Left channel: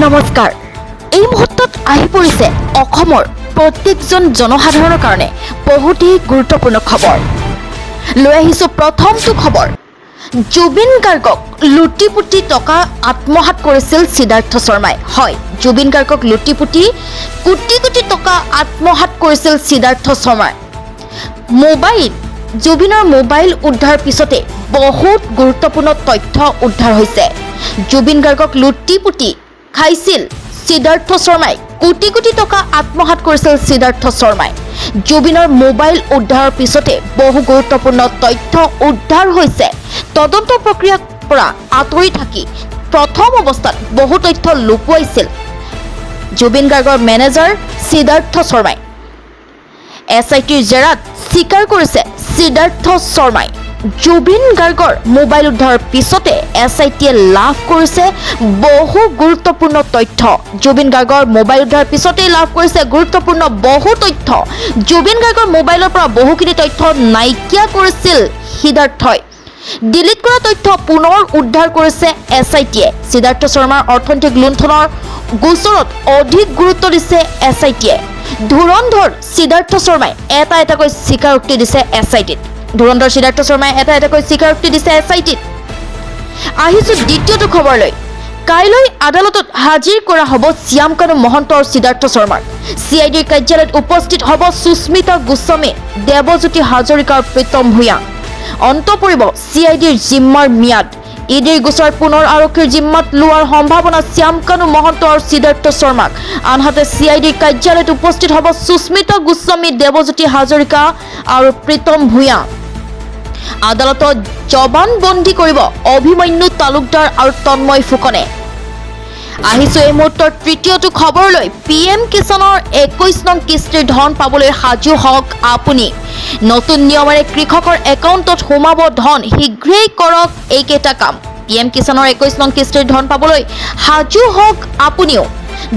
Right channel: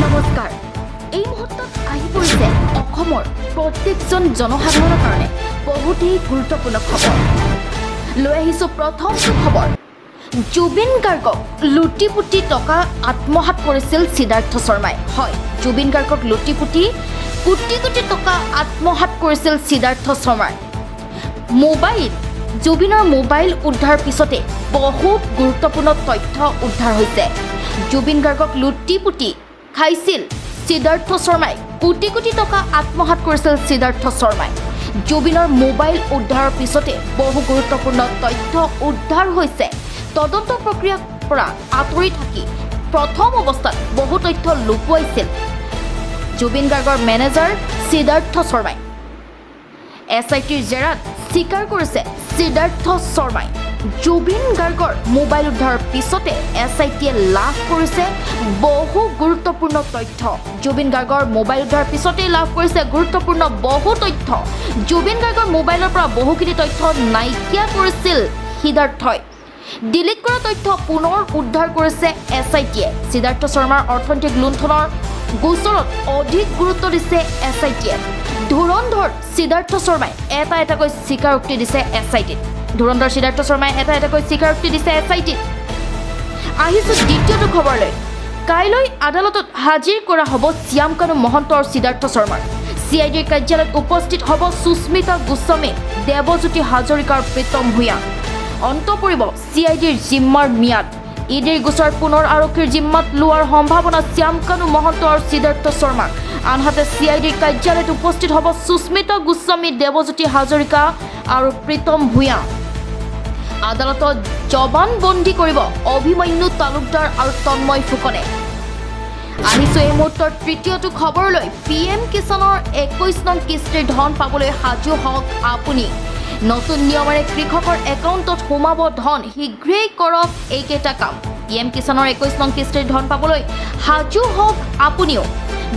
নমস্কাৰ এই মুহূৰ্তত আহি পৰিছে অসমৰ প্ৰত্যেকজন জনসাধাৰণৰ কাৰণে বহুতেই গুৰুত্বপূৰ্ণ খবৰ লৈ আহিছো প্ৰথমটো খবৰ জুবিন গাৰ্গক লুটিপুটি টকা আত্মহাত কৰিছিল সিদ্ধাৰ্থ শৰ্মাই হয় জুবিন গাৰ্গক লুটিপুটি কোটি কোটি টকা আত্মহাত কৰিছিল সিদ্ধাৰ্থ শৰ্মাই জুবিনৰ মোবাইল উদ্ধাৰ পিছতে বহুত গুৰুত্বপূৰ্ণ তথ্য উদ্ধাৰ হৈছে জুবিন গাৰ্গক লুটিপুটি খাইছিল সিদ্ধাৰ্থ শৰ্মাই কোটি কোটি টকা আত্মহাত কৰিছিল সিদ্ধাৰ্থ শৰ্মাই জুবিনৰ মোবাইল উদ্ধাৰৰ পিছতে বহু গুৰুত্বপূৰ্ণ তথ্য উদ্ধাৰ হৈছে তদন্ত প্ৰক্ৰিয়াৰ পৰা আঁতৰি থাকি প্ৰথম অৱস্থাত বহু তথ্য লুকুৱাইছিল জুবিন গাৰ্গৰ মেনেজাৰ সিদ্ধাৰ্থ শৰ্মাই এছআইটিৰ জেৰাত স্বীকাৰ কৰিছে সিদ্ধাৰ্থ শৰ্মাই জুবিন গাৰ্গৰ মোবাইল উদ্ধাৰৰ পিছতে এছআইটিয়ে লাভ কৰিছে বহু গুৰুত্বপূৰ্ণ তথ্য জুবিন গাৰ্গৰ মোবাইল উদ্ধাৰৰ পিছতে লাভ কৰিছে গুৰুত্বপূৰ্ণ বহু তথ্য জুবিন গাৰ্গৰ মোবাইলৰ পৰা বহুখিনি তথ্য নাইকিয়া কৰিছিল সিদ্ধাৰ্থই ডিলিট কৰা তথ্য পুনৰ উদ্ধাৰ কৰিছে এছআইটিয়ে সিদ্ধাৰ্থ শৰ্মাৰ অৰ্থনৈতিক লুণ্ঠনৰ গোচৰত অধিক গুৰুত্ব দিছে এছআইটিয়ে ধুৰন্ধৰ সিদ্ধাৰ্থ শৰ্মাই এটাকৈ স্বীকাৰোক্তি দিছে এছআইটিত ধুৰন্ধৰ সিদ্ধাৰ্থ শৰ্মাই এটাকৈ স্বীকাৰোক্তি দিছে এছআইটিত আহিছো দ্বিতীয়টো খবৰলৈ কাইলৈ আদালতত হাজিৰ কৰা হ'ব শ্যামকানু মহন্ত আৰু সিদ্ধাৰ্থ শৰ্মাৰ চিআইডিৰ কাৰ্যালয়ত উপস্থিত হ'ব সুস্মিতা গোস্বামী দেৱজ্যোতি হাজৰিকা আৰু প্ৰীতম ভূঞা অন্ত পৰিব চিআইডিৰ জিম্মাৰ ম্যাদ ইডিৰ গোচৰ পুনৰ আৰক্ষীৰ জিম্মাত লোৱাৰ সম্ভাৱনা শ্যামকানু মহন্ত আৰু সিদ্ধাৰ্থ শৰ্মাক আনহাতে চিআইডিৰ কাৰ্যালয়ত উপস্থিত হ'ব সুস্মিতা গোস্বামী দেৱজ্যোতি হাজৰিকা আৰু প্ৰীতম ভূঞা আদালতত জবানবন্দী কৰিব অভিমন্যু তালুকদাৰ আৰু তন্ময় ফুকনে আহিছো এই মুহূৰ্তৰ তৃতীয়টো খবৰলৈ পিএম কিষাণৰ 21 নং কিস্তিৰ ধন পাবলৈ সাজু হওক আপুনি নতুন নিয়মেৰে কৃষকৰ একাউণ্টত সোমাব ধন শীঘ্ৰেই কৰক এইকেইটা কাম পিএম কিষাণৰ 21 নং কিস্তিৰ ধন পাবলৈ সাজু হওক আপুনিও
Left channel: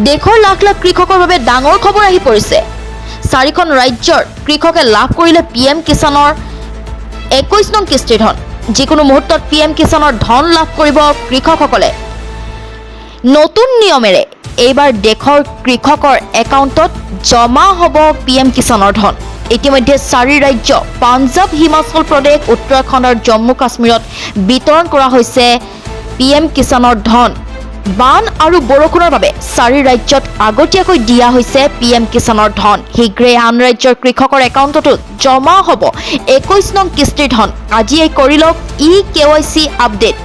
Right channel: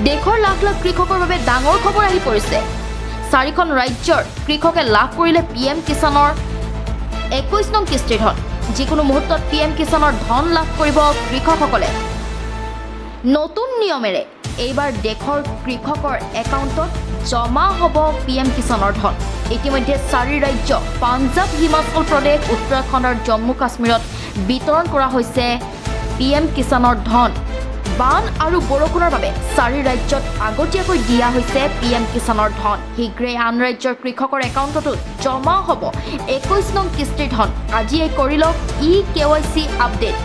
দেশৰ লাখ লাখ কৃষকৰ বাবে ডাঙৰ খবৰ আহি পৰিছে 4খন ৰাজ্যৰ কৃষকে লাভ কৰিলে পিএম কিষাণৰ 21 নং কিস্তিৰ ধন যিকোনো মুহূৰ্তত পিএম কিষাণৰ ধন লাভ কৰিব কৃষকসকলে নতুন নিয়মেৰে এইবাৰ দেশৰ কৃষকৰ একাউণ্টত জমা হ'ব পিএম কিষাণৰ ধন ইতিমধ্যে 4 ৰাজ্য পাঞ্জাৱ হিমাচল প্ৰদেশ উত্তৰাখণ্ড আৰু জম্মু কাশ্মীৰত বিতৰণ কৰা হৈছে পিএম কিষাণৰ ধন বান আৰু বৰষুণৰ বাবে 4 ৰাজ্যত আগতীয়াকৈ দিয়া হৈছে পিএম কিষাণৰ ধন শীঘ্ৰেই আন ৰাজ্যৰ কৃষকৰ একাউণ্টতো জমা হ'ব 21 নং কিস্তিৰ ধন আজিয়ে কৰি লওক KYC আপডেট